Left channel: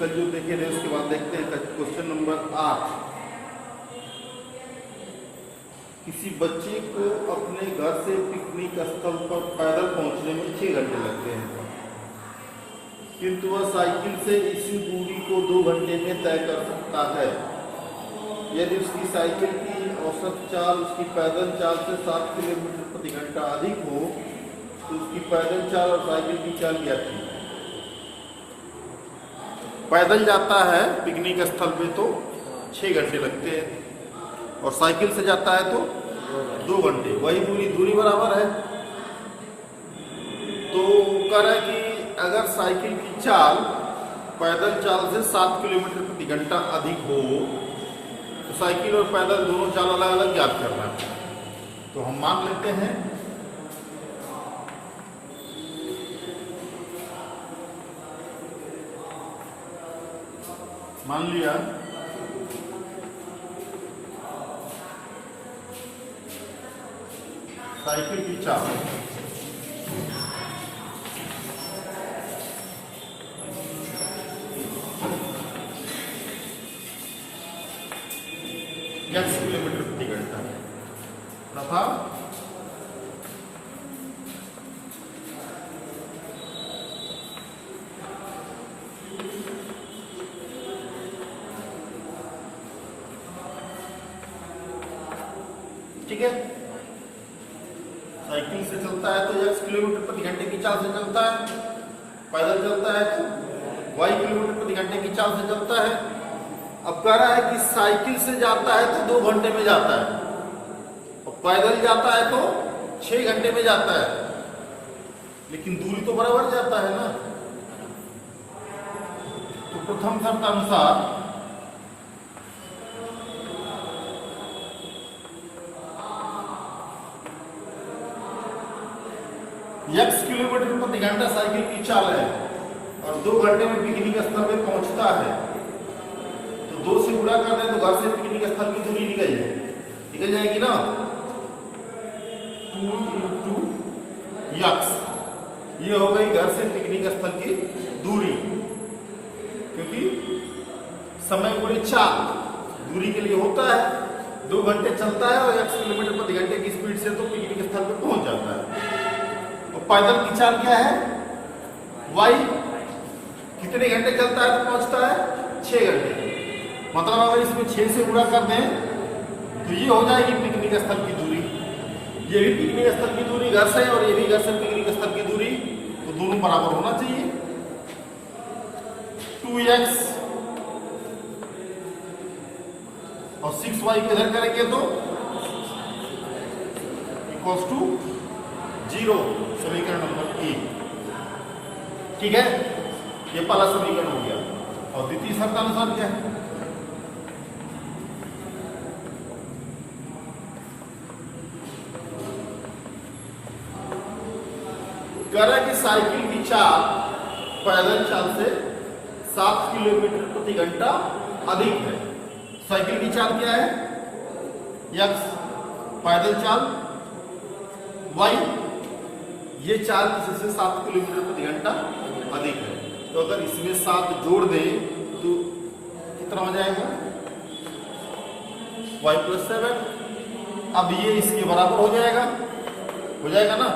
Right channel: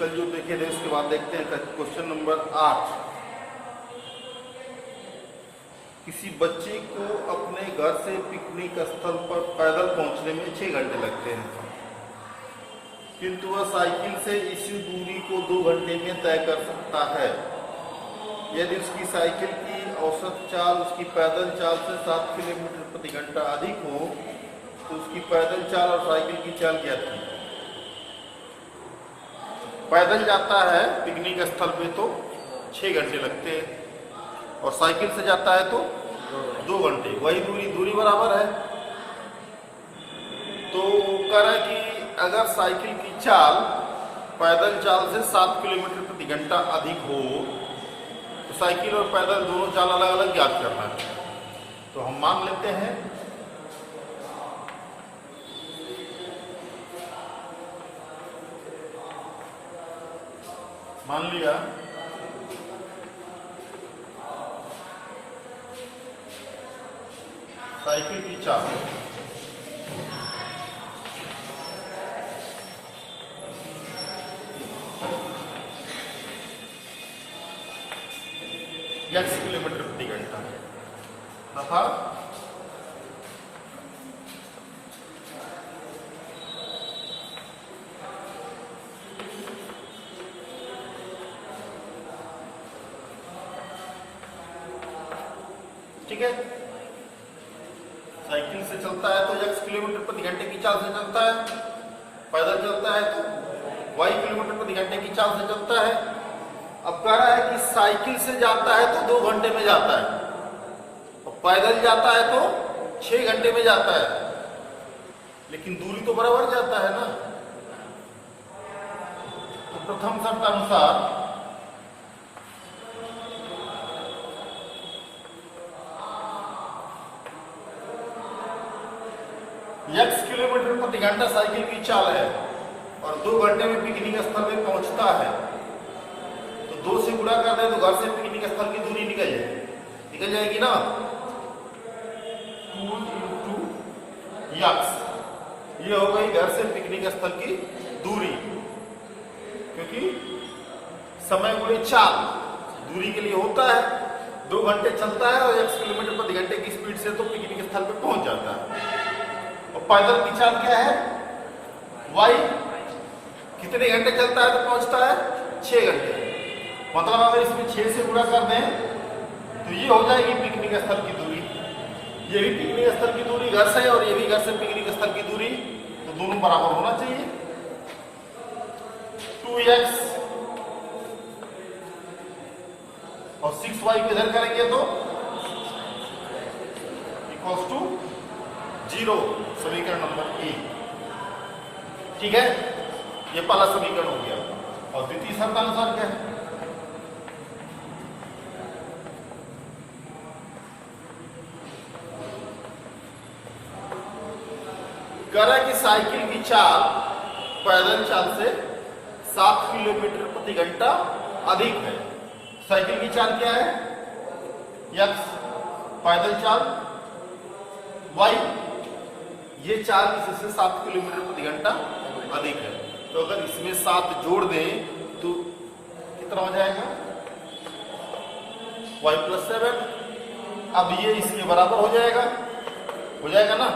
कल जो देखे थे उसके बाद देखते हैं क्वेश्चन नंबर 8। किसी बच्चे को अपने घर से पिकनिक स्थल पर पैदल पहुंचने में 6 घंटे लगते हैं, किंतु वह साइकिल से इसी दूरी को 2 घंटे में तय कर सकता है। यदि उसकी साइकिल की औसत चाल उसकी पैदल चाल से 7 किलोमीटर प्रति घंटा अधिक हो तो उसकी पैदल चाल और साइकिल की चाल क्या थी। पैदल जाता है पिकनिक स्थल पे तो 6 घंटे लगते हैं और साइकिल से जाता है तो 2 घंटे, वही दूरी बराबर है। तो कह रहा है कि अगर साइकिल की चाल पैदल चाल से 7 किलोमीटर प्रति घंटा अधिक हो तो साइकिल और पैदल दोनों चाल अलग अलग ज्ञात करना है। तो हम मान लेते हैं मान लिया साइकिल की चाल x किलोमीटर प्रति घंटा तथा ठीक है, साइकिल से चलता है तो x किलोमीटर प्रति घंटे की चाल से चलता है, पैदल चलता है तो y किलोमीटर प्रति घंटे की चाल से चलता है। अब कह रहा है कि साइकिल से जाता है तो 2 घंटे में जाता है और पैदल जाता है तो 6 घंटे में जाता है, लेकिन दूरी तो बराबर जाता है ना। तो प्रथम शर्त अनुसार x किलोमीटर प्रति घंटा साइकिल की चाल है और 2 घंटे में पिकनिक स्थल पे पहुंचता है, तो 2 से गुणा कर दें तो घर से पिकनिक स्थल की दूरी निकल जाएगी ना। 2 into x ये हो गई घर से पिकनिक स्थल की दूरी, क्योंकि समय गुणे चाल दूरी के लिए होता है। 2 घंटे चलता है और x किलोमीटर प्रति घंटे की स्पीड से तो पिकनिक स्थल पे पहुंच जाता है। और पैदल की चाल क्या है, y कितने घंटे चलता है तो पहुंचता है 6 घंटे। मतलब अगर इसमें 6 से गुणा कर दें तो ये हो जाएगी पिकनिक स्थल की दूरी। ये भी पिकनिक स्थल की दूरी घर से और ये भी घर से पिकनिक स्थल की दूरी, तो दोनों बराबर होना चाहिए। 2x और 6y को इधर करेंगे तो इक्वल्स टू 0, समीकरण नंबर 1। ठीक है, ये पहला समीकरण हो गया। और द्वितीय शर्त अनुसार क्या है, कह रहा है कि साइकिल की चाल पैदल चाल से 7 किलोमीटर प्रति घंटा अधिक है। साइकिल की चाल क्या है, x, पैदल चाल y, ये चाल किसी से 7 किलोमीटर प्रति घंटा अधिक है। तो अगर इसमें 7 जोड़ दें तो कितना हो जाएगा, y + 7। अब ये इसके बराबर हो जाएगा ना।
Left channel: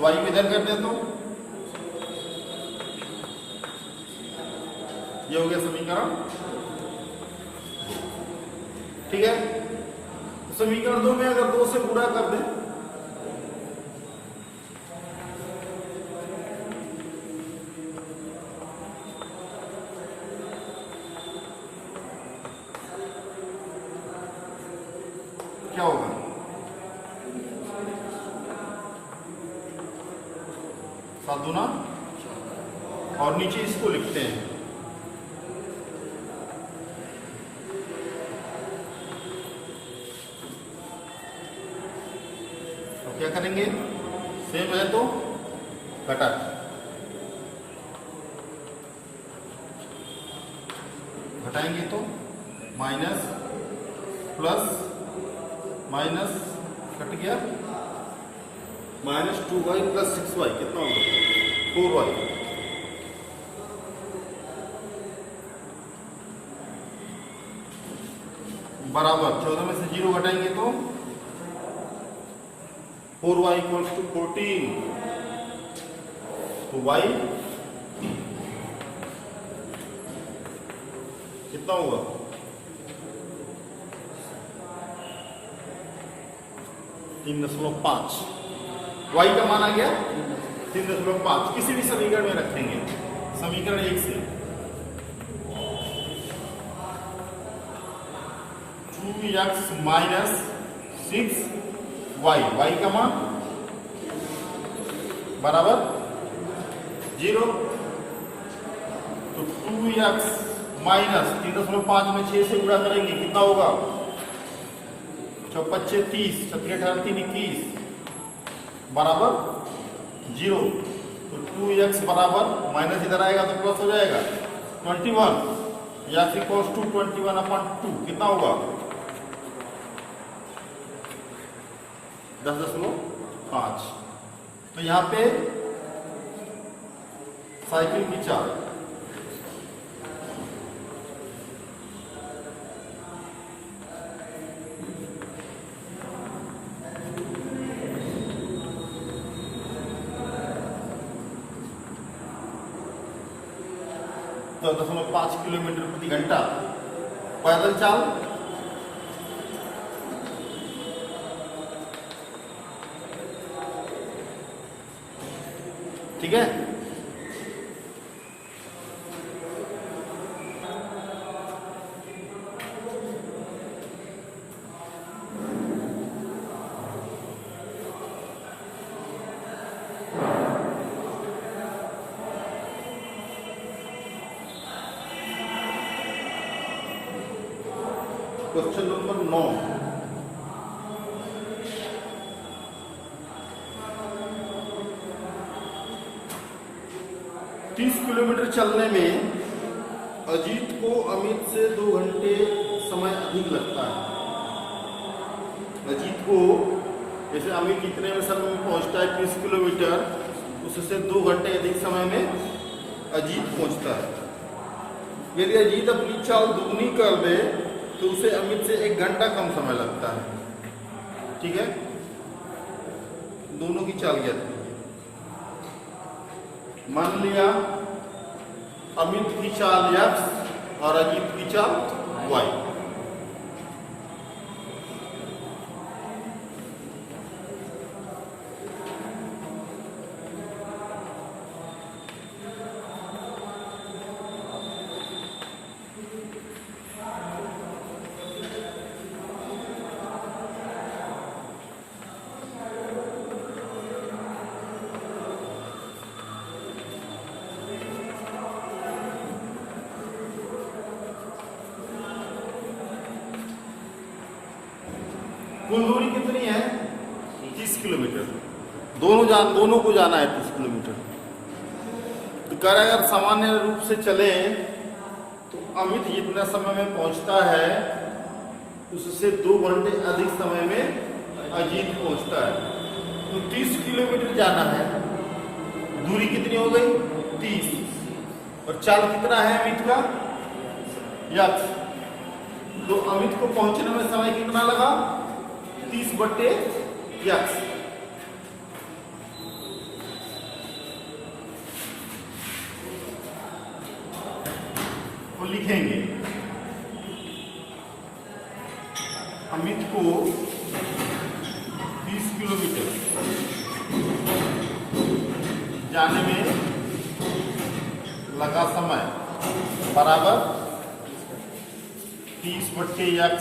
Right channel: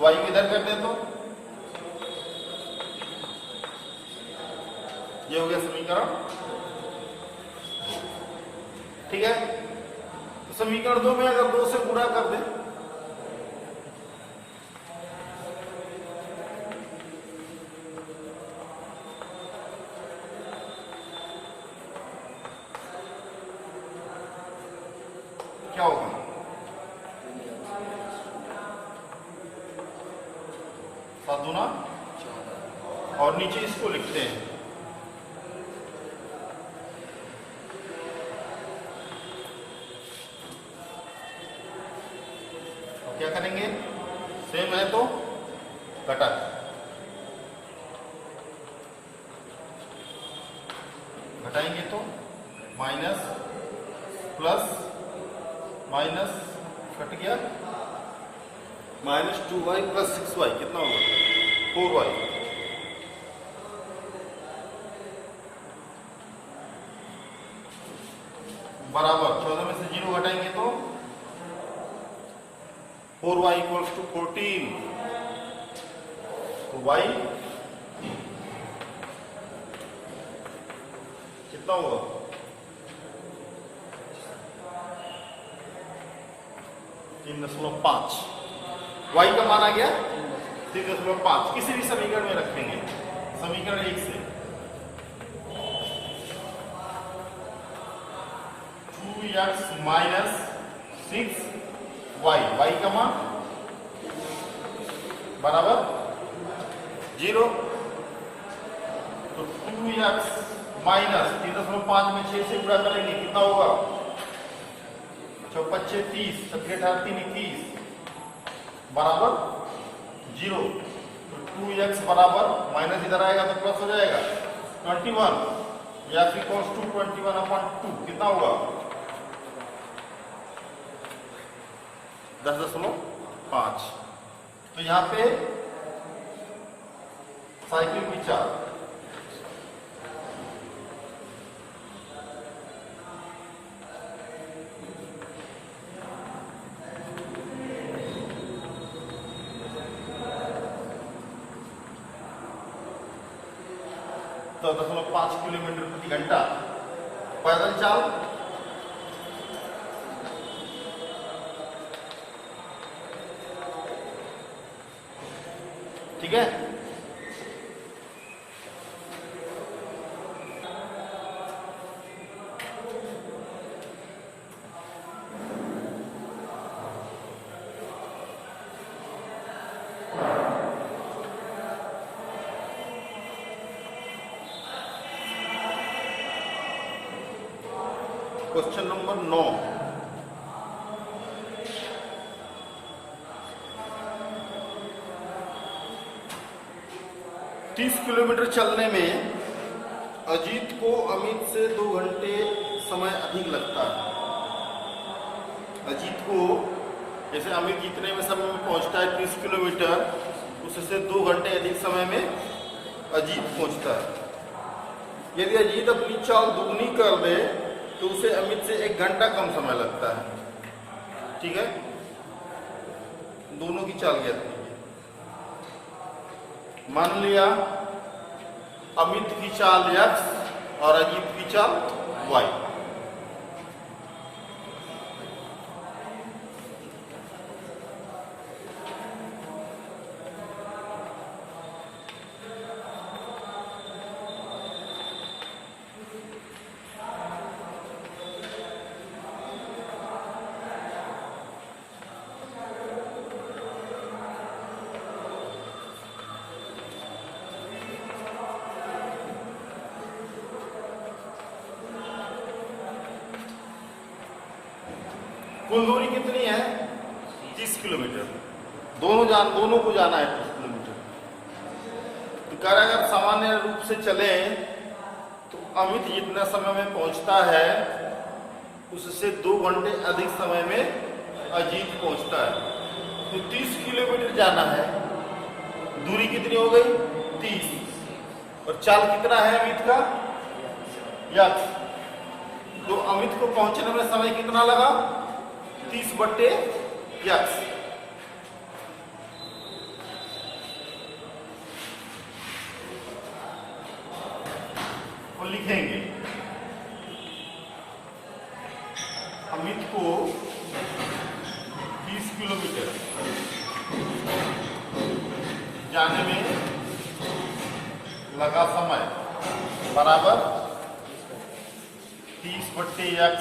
y को इधर कर दे तो ये हो गया समीकरण 2। ठीक है, तो समीकरण 2 में अगर 2 से गुणा कर दें क्या होगा, 7 दूना और नीचे इसको लिखते हैं तो क्या करेंगे, सेम है तो घटाएंगे तो माइनस प्लस माइनस कट गया, -2y + 6y कितना होगा 4y। बराबर 14 में से 0 घटाएंगे तो 4y इक्वल्स टू 14। तो y कितना होगा? 3.5। y का मान आ गया 3.5। किसी भी समीकरण में रखेंगे, समीकरण 1 से 2x माइनस 6y, y का मान बराबर 0। तो 2x माइनस 3.5 में 6 से गुणा करेंगे, कितना होगा? 5 30, 7 3 21 बराबर 0। तो 2x बराबर माइनस इधर आएगा तो प्लस हो जाएगा 21, या इक्वल्स टू 21/2 कितना होगा? 10.5। तो यहाँ पे साइकिल की चाल तो 10.5 किलोमीटर प्रति घंटा। पैदल चाल ठीक है। क्वेश्चन नंबर 9, तीस किलोमीटर चलने में अजीत को अमित से 2 घंटे समय अधिक लगता है। अजीत को, जैसे अमित कितने में समय में पहुंचता है 30 किलोमीटर, उससे 2 घंटे अधिक समय में अजीत पहुंचता है। यदि अजीत अपनी चाल दुगनी कर दे तो उसे अमित से 1 घंटा कम समय लगता है। ठीक है, दोनों की चाल क्या थी? मान लिया अमित की चाल x और अजीत की चाल y। कुल दूरी कितनी है? 30 किलोमीटर। दोनों को जाना है 30 किलोमीटर। तो अगर सामान्य रूप से चले तो अमित जितना समय में पहुंचता है उससे 2 घंटे अधिक समय में अजीत पहुंचता है। तो 30 किलोमीटर जाना है, दूरी कितनी हो गई? 30। और चाल कितना है अमित का? x। तो अमित को पहुंचने में समय कितना लगा? 30/x। को लिखेंगे अमित को 30 किलोमीटर जाने में लगा समय बराबर 30/x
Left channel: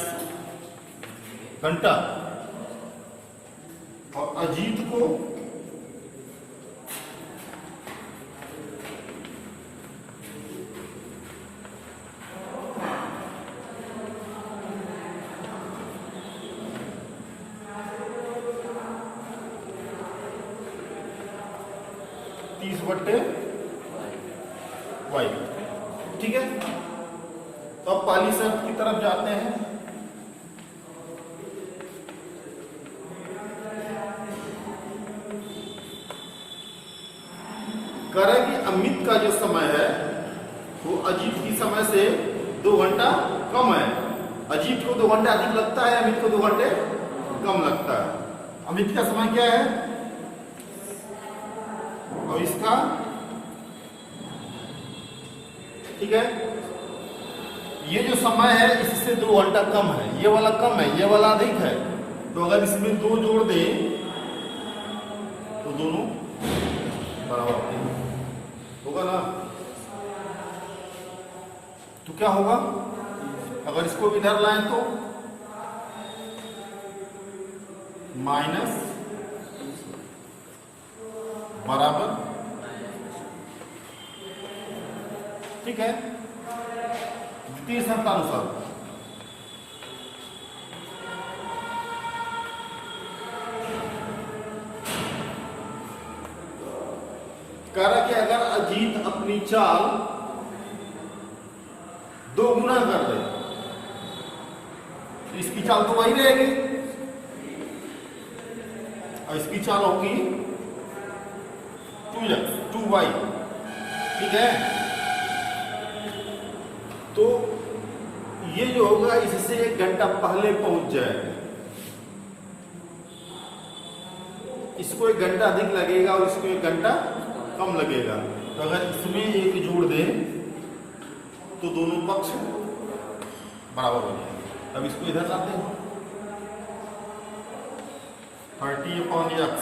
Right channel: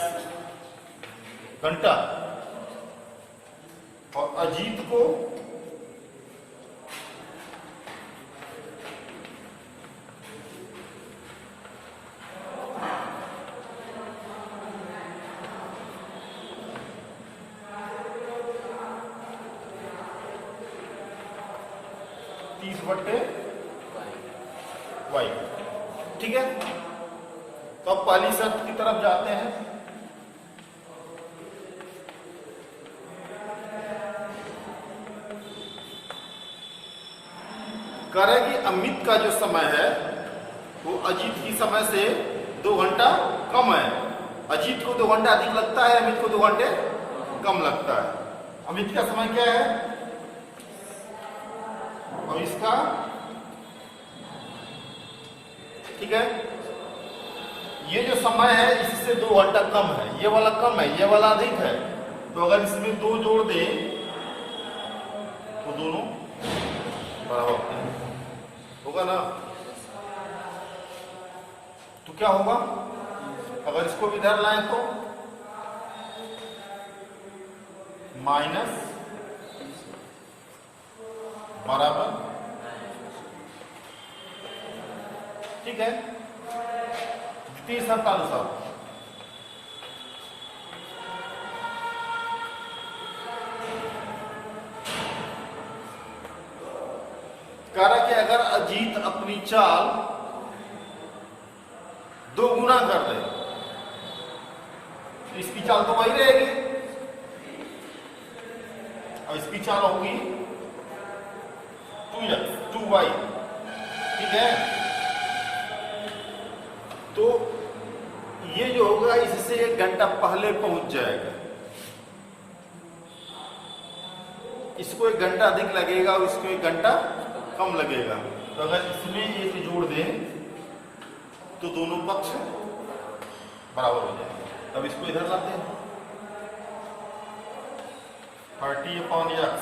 घंटा, और अजीत को y। ठीक है, तो अब पहली शर्त की तरफ जाते हैं। कह रहे कि अमित का जो समय है वो अजीत की समय से 2 घंटा कम है। अजीत को 2 घंटे अधिक लगता है, अमित को 2 घंटे कम लगता है। अमित का समय क्या है और इसका, ठीक है, ये जो समय है इससे 2 घंटा कम है, ये वाला कम है, ये वाला अधिक है। तो अगर इसमें 2 जोड़ दे तो दोनों बराबर होगा ना। तो क्या होगा, अगर इसको इधर लाएं तो माइनस बराबर, ठीक है, द्वितीय शर्तानुसार। करा कि अगर अजीत अपनी चाल 2 गुना कर रहे, इसकी चाल तो वही रहेगी और इसकी चाल होगी 2y, ठीक है। तो ये जो होगा इससे 1 घंटा पहले पहुंच जाएगा, इसको 1 घंटा अधिक लगेगा और इसको 1 घंटा कम लगेगा। तो अगर इसमें 1 जोड़ दें तो दोनों पक्ष बराबर हो जाएंगे। अब इसको इधर लाते हैं, 30/x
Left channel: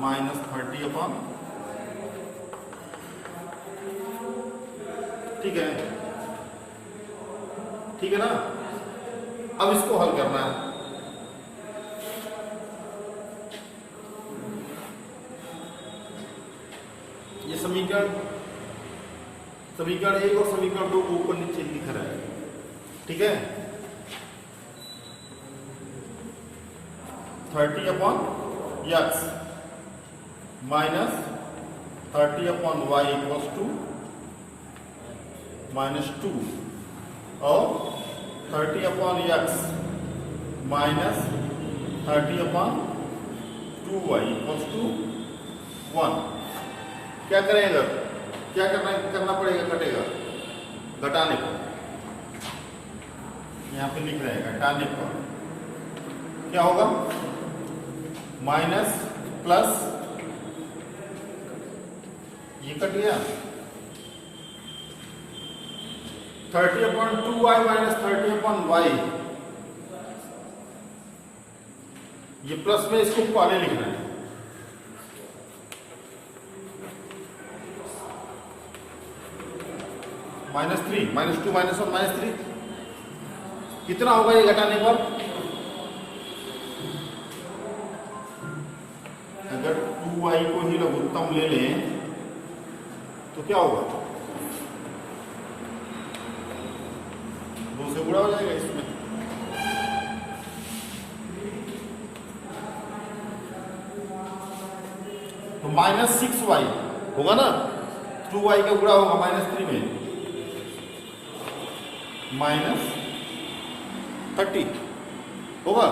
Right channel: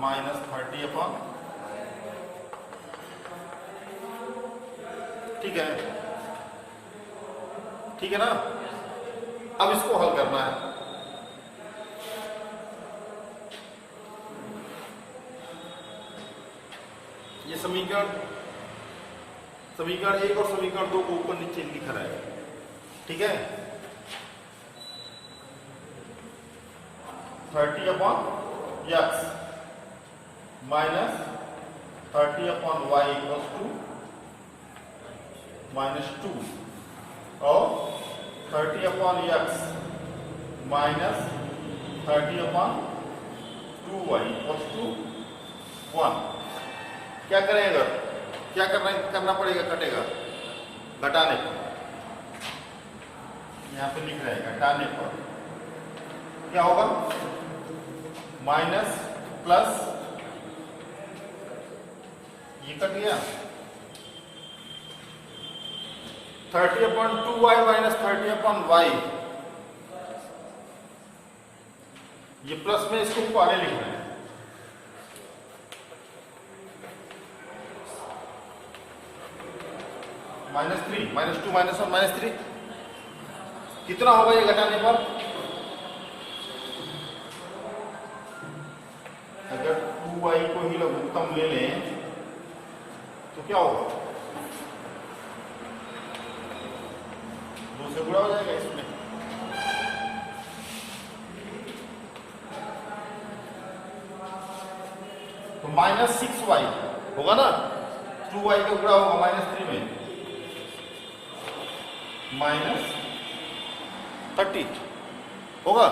माइनस 30, ठीक है, ठीक है ना। अब इसको हल करना है। ये समीकरण 1 और समीकरण 2 को ऊपर नीचे लिख रहा है, ठीक है। 30/x minus 30/y equals to -2 और 30/x minus 30/2y equals to 1। क्या करेगा, क्या करना पड़ेगा, कटेगा, घटाने पर, यहां पे लिख रहे हैं घटाने पर क्या होगा, माइनस प्लस, ये कट गया, 30/2y माइनस 30/y, ये प्लस में इसको पहले लिख रहे हैं, -3, -2 -1 -3 कितना होगा ये घटाने पर, अगर 2y को ही लघुत्तम ले लें तो क्या होगा, 2 से गुणा हो जाएगा इसमें, तो -6y होगा ना, 2y का गुणा होगा -3 में, -30 होगा,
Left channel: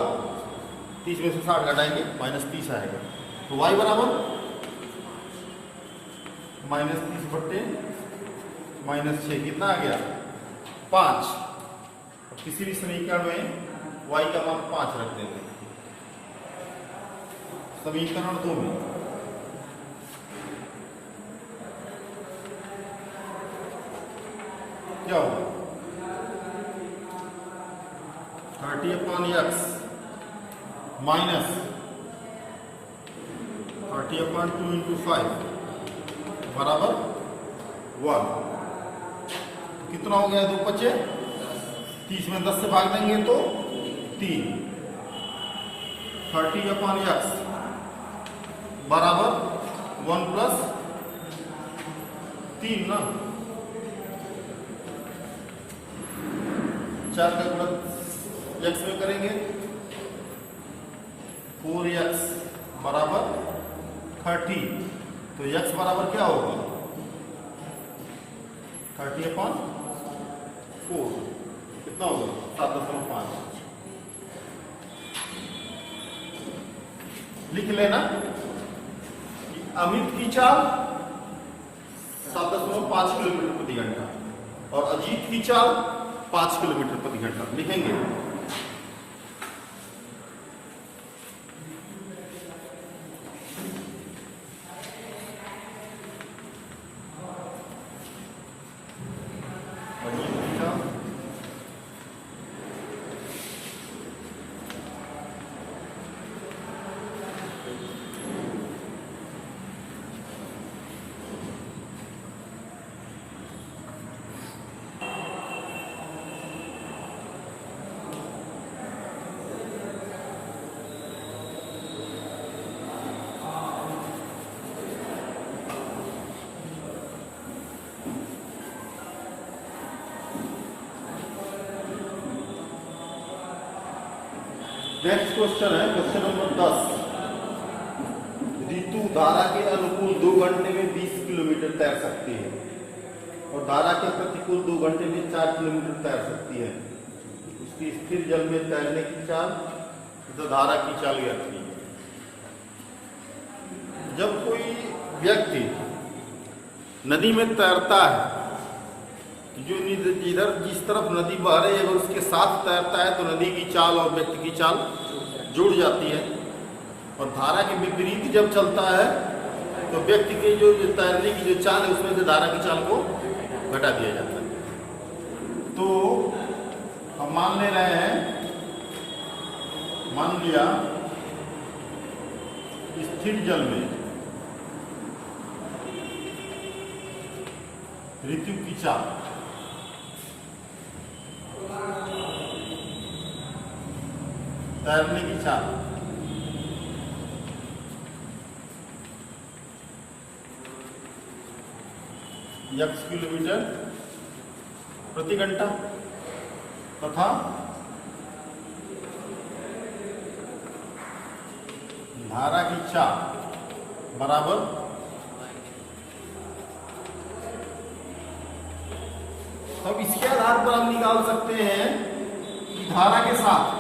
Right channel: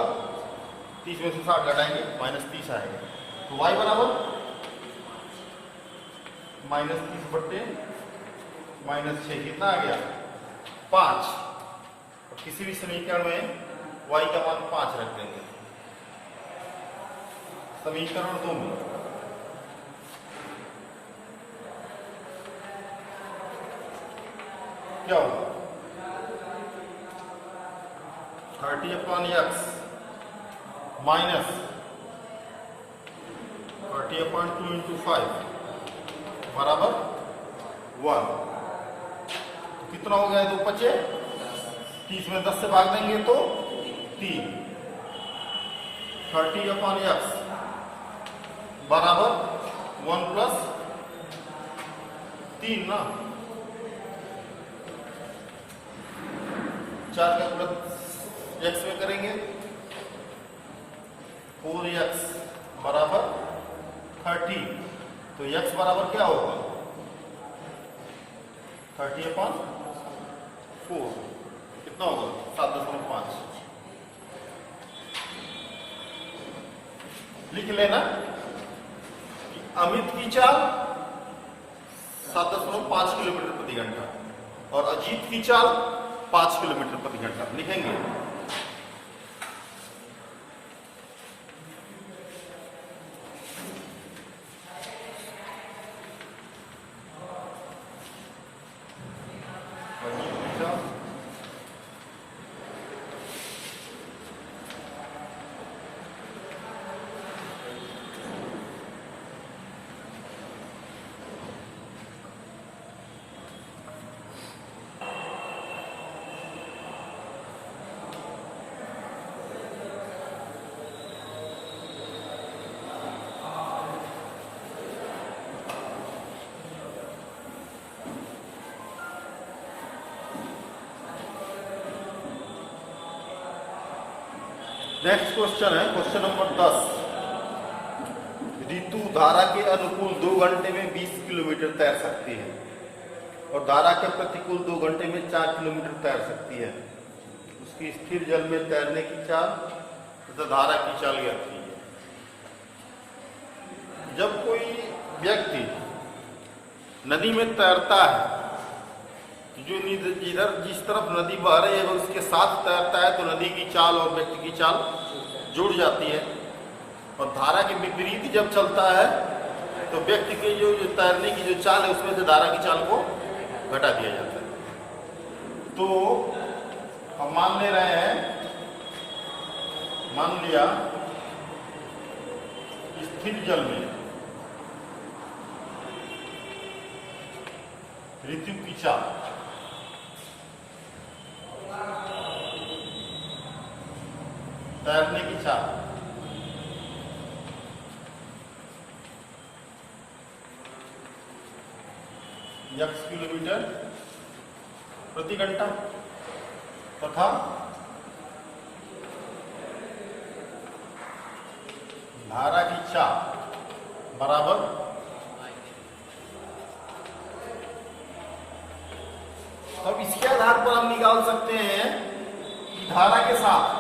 30 में से 60 घटाएंगे -30 आएगा। तो y बराबर -30 बट्टे -6 कितना आ गया, 5। किसी भी समीकरण में y का मान 5 रख देंगे। समीकरण 2 में क्या होगा, 30/x माइनस 30/2 × 5 बराबर 1। कितना हो गया, 2 बचे, 30 में 10 से भाग देंगे तो 3, 30/x बराबर 1 + 3 ना, 4 का गुणा x में करेंगे, 4x बराबर 30, तो x बराबर क्या होगा, 30/4 कितना होगा, 7.5। लिख लेना कि अमित की चाल 7.5 किलोमीटर प्रति घंटा और अजीत की चाल 5 किलोमीटर प्रति घंटा लिखेंगे। नेक्स्ट क्वेश्चन है क्वेश्चन नंबर 10। ऋतु धारा के अनुकूल 2 घंटे में 20 किलोमीटर तैर सकती है और धारा के प्रतिकूल 2 घंटे में 4 किलोमीटर तैर सकती है। उसकी स्थिर जल में तैरने की चाल तथा धारा की चाल ज्ञात की। जब कोई व्यक्ति नदी में तैरता है, जो इधर जिस तरफ नदी बह रही है उसके साथ तैरता है तो नदी की चाल और व्यक्ति की चाल जुड़ जाती है, और धारा के विपरीत जब चलता है तो व्यक्ति के जो तैरने की जो चाल है उसमें से धारा की चाल को घटा दिया जाता है। तो हम मान ले रहे हैं, मान लिया स्थिर जल में ऋतु की चाल तैरने की चाल x किलोमीटर प्रति घंटा तथा धारा की चाल बराबर तब इसके आधार पर हम निकाल सकते हैं कि धारा के साथ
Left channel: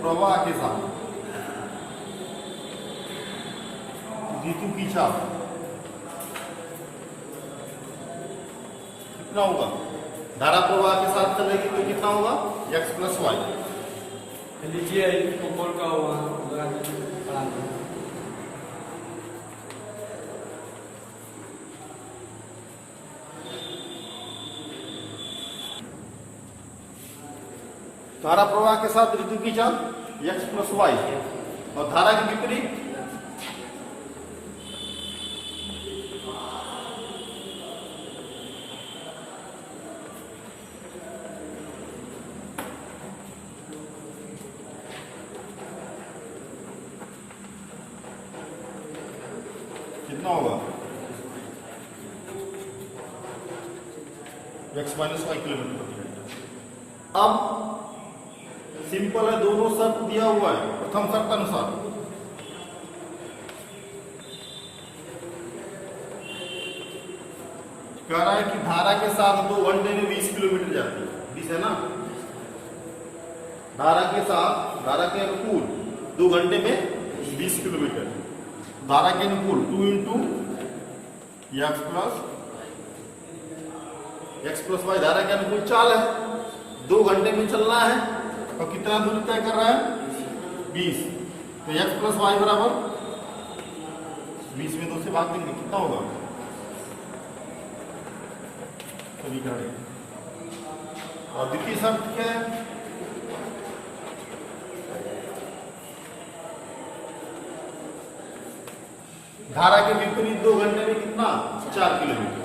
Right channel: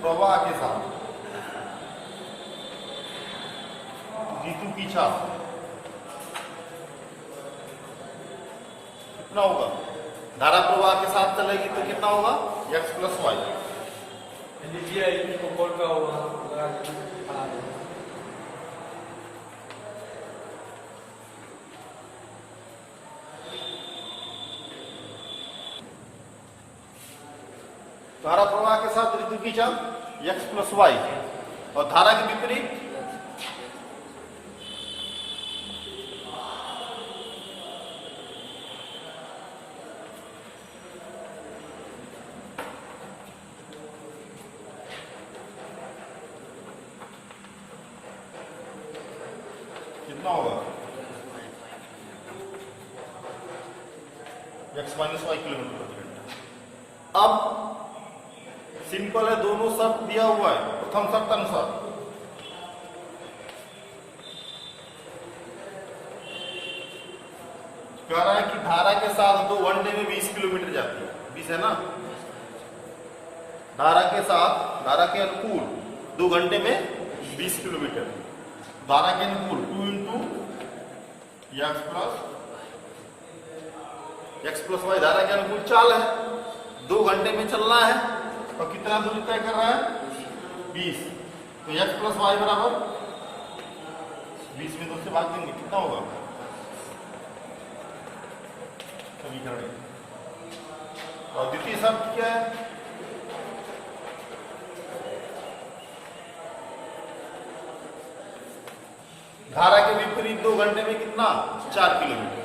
प्रवाह के साथ ऋतु की चाल कितना होगा। धारा प्रवाह के साथ चलेगी तो कितना होगा x प्लस वाई। लिखिए ऊपर का होगा धारा प्रवाह के साथ ऋतु की चाल x प्लस वाई और धारा के विपरीत कितना होगा x माइनस वाई किलोमीटर प्रति घंटा। अब सिंपल है, दोनों शर्त दिया हुआ है। प्रथम शर्त अनुसार कह रहा है कि धारा के साथ 2 घंटे में 20 किलोमीटर जाती है, 20 है ना। धारा के साथ, धारा के अनुकूल 2 घंटे में 20 किलोमीटर, धारा के अनुकूल 2 इंटू एक्स प्लस वाई धारा के अनुकूल चाल है। 2 घंटे में चलना है और कितना दूरी तय कर रहा है 20, तो x प्लस वाई बराबर 20 में 2 से भाग देंगे, कितना होगा समीकरण। और द्वितीय शर्त क्या है, धारा के विपरीत 2 घंटे में कितना 4 किलोमीटर।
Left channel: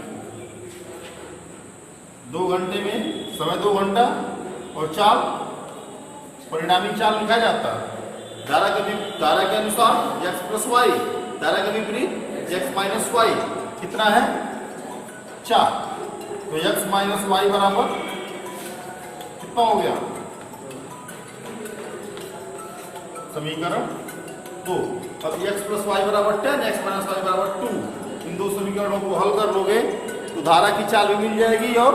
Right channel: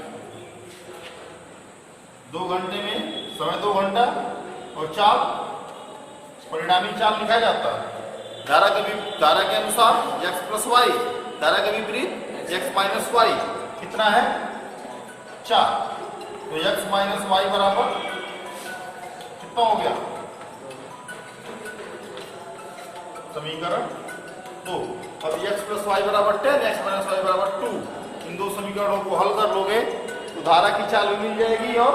2 घंटे में समय 2 घंटा और चाल परिणामी चाल लिखा जाता है। धारा के अनुसार x प्लस वाई, धारा के विपरीत x माइनस वाई कितना है 4, तो x माइनस वाई बराबर कितना हो गया समीकरण 2। अब x प्लस वाई बराबर 10, x माइनस वाई बराबर 2, इन दो समीकरणों को हल कर लोगे तो धारा की चाल भी मिल जाएगी और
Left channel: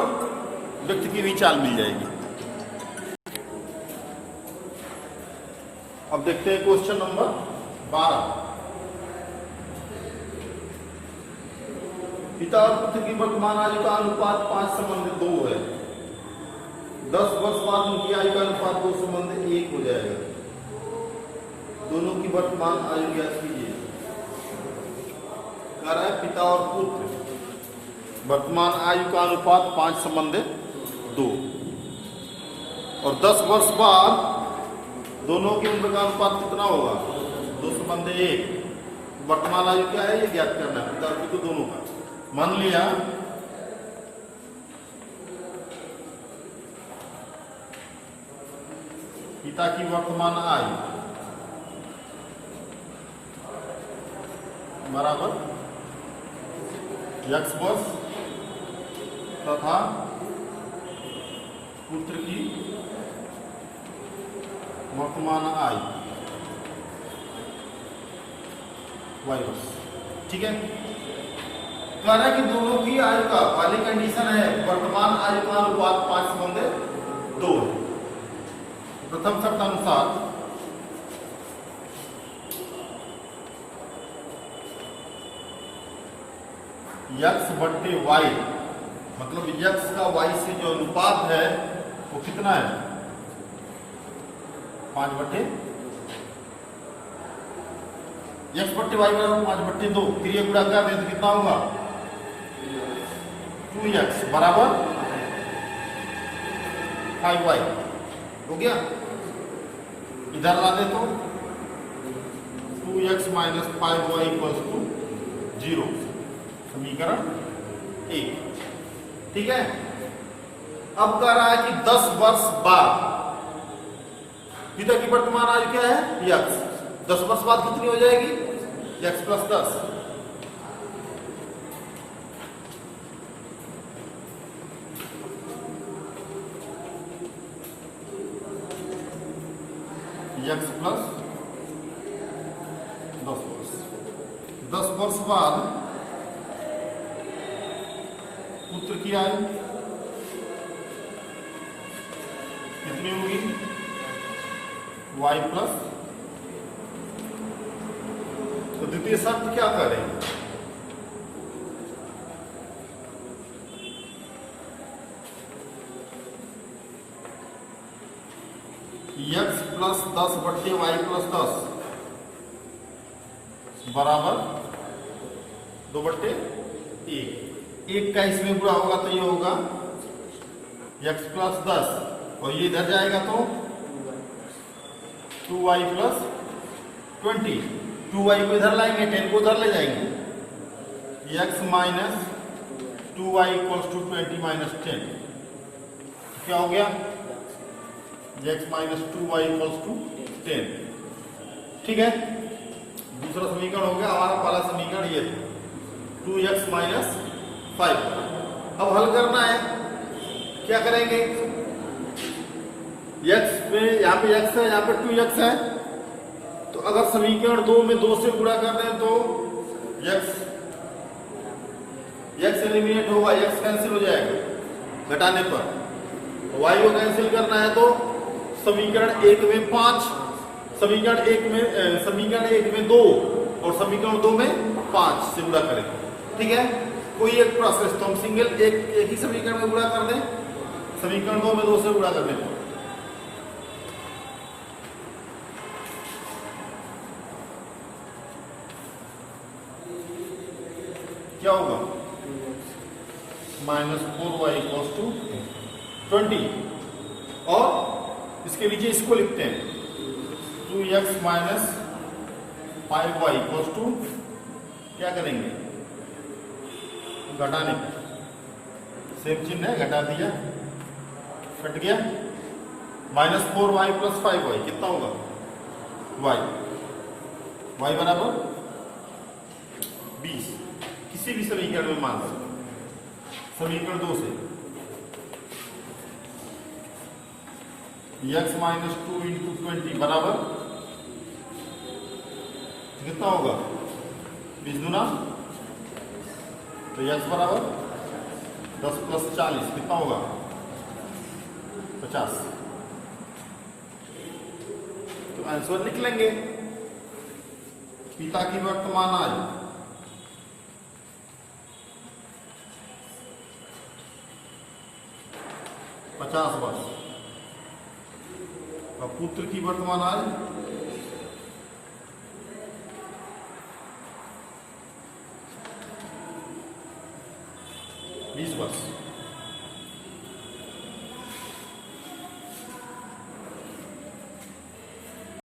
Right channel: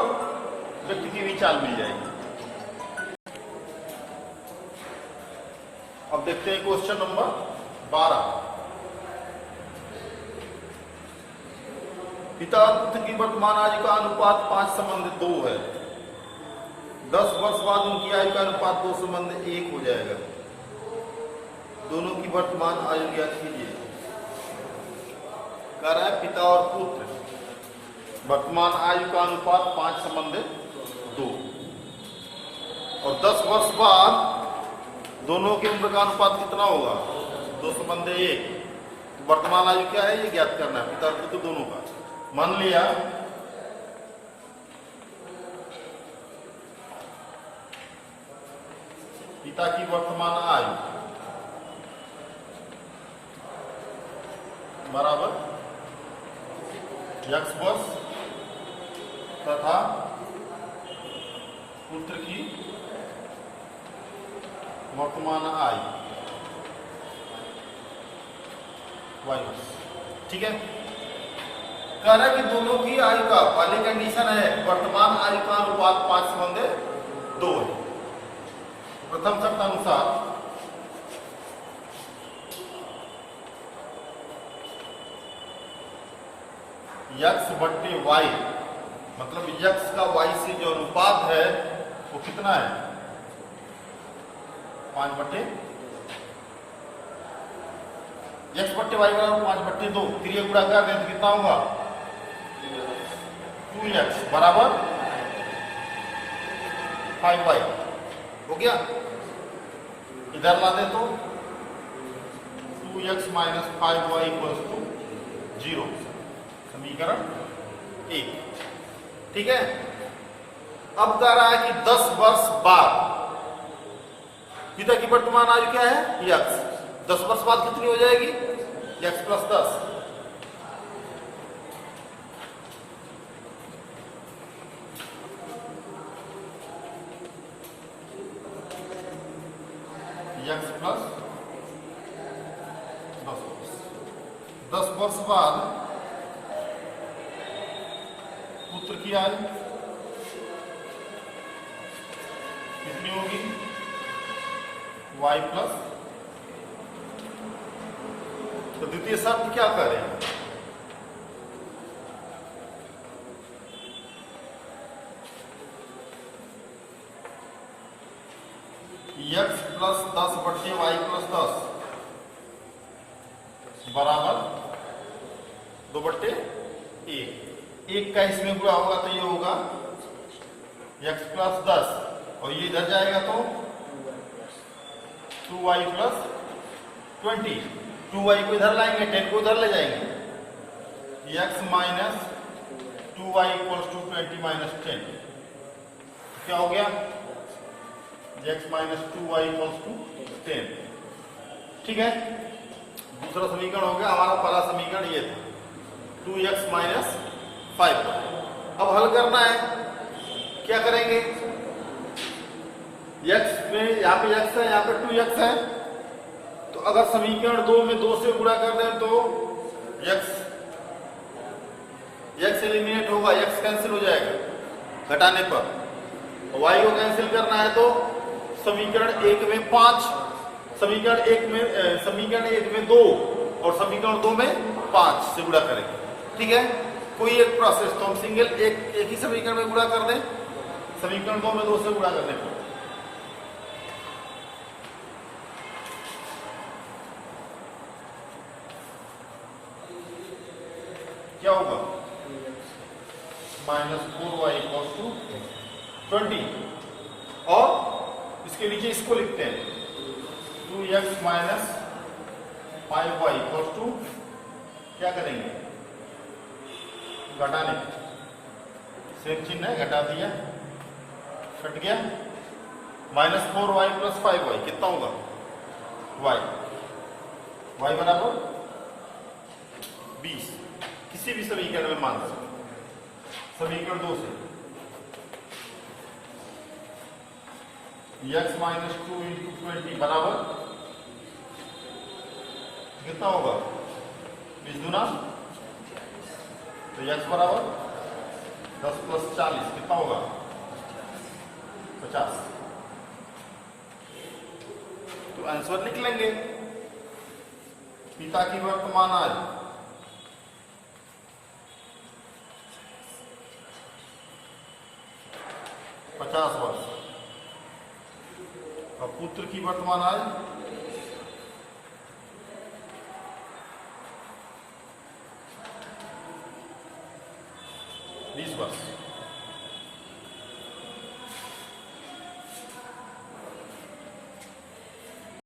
व्यक्ति की भी चाल मिल जाएगी। अब देखते हैं क्वेश्चन नंबर 12। पिता और पुत्र की वर्तमान आयु का अनुपात 5:2 है। 10 वर्ष बाद उनकी आयु का अनुपात 2:1 हो जाएगा। दोनों की वर्तमान आयु ज्ञात कीजिए। कह रहा है पिता और पुत्र वर्तमान आयु का अनुपात 5:2 और 10 वर्ष बाद दोनों के उम्र का अनुपात कितना होगा? 2:1। वर्तमान आयु क्या है ये ज्ञात करना है पिता और पुत्र दोनों का। मान लिया पिता की वर्तमान आयु बराबर x वर्ष तथा पुत्र की वर्तमान आयु y वर्ष। ठीक है, कह रहा है कि दोनों की आयु का पहली कंडीशन है वर्तमान आयु का अनुपात 5:2 है। प्रथम शर्त अनुसार x बट्टे y मतलब x का y से जो अनुपात है वो कितना है? 5/2। x बट्टे y बराबर 5/2। फिर ये गुणा कर दें तो कितना होगा? 2x बराबर 5y हो गया। इधर ला दे तो 2x minus 5y equals to 0, समीकरण 1। ठीक है, अब कह रहा है कि 10 वर्ष बाद पिता की वर्तमान आयु क्या है? x। 10 वर्ष बाद कितनी हो जाएगी? x plus 10। x प्लस 10 वर्ष। 10 वर्ष बाद पुत्र की आयु कितनी होगी? y plus. तो द्वितीय शर्त क्या कर रहे हैं? x प्लस 10 बट्टे y प्लस 10 बराबर 2/1। एक का इसमें गुणा होगा तो ये होगा x प्लस 10 और ये इधर जाएगा तो 2y प्लस 20। 2y को इधर लाएंगे, 10 को उधर ले जाएंगे। x minus 2y equals to 20 minus 10 क्या हो गया? x minus 2y equals to 10। ठीक है, दूसरा समीकरण हो गया। हमारा पहला समीकरण ये था 2x माइनस 5। अब हल करना है, क्या करेंगे? x में यहाँ पे x है, यहाँ पे 2x है, तो अगर समीकरण 2 में 2 से गुणा कर रहे हैं तो x एलिमिनेट होगा, x कैंसिल हो जाएगा घटाने पर। y को कैंसिल करना है तो समीकरण 1 में 5, समीकरण 1 में 2 और समीकरण 2 में 5 से गुणा करेंगे। ठीक है, कोई एक प्रोसेस तो हम सिंगल एक ही समीकरण में गुणा कर दें, समीकरण 2 में 2 से गुणा करने पर क्या होगा? -4y इक्वल्स टू 20 और इसके नीचे इसको लिखते हैं 2x minus 5y equals to क्या करेंगे? घटाने। सेम चिन्ह है, घटा दिया, कट गया। -4y प्लस 5y कितना होगा? y बराबर 20। किसी भी समीकरण में मान सकते, समीकरण 2 से x माइनस 2 इंटू 20 बराबर कितना होगा? 20 गुना तो x बराबर 10 प्लस 40 कितना होगा? 50। तो आंसर निकलेंगे पिता की वर्तमान आयु 50 वर्ष। और पुत्र की वर्तमान आयु 20 वर्ष।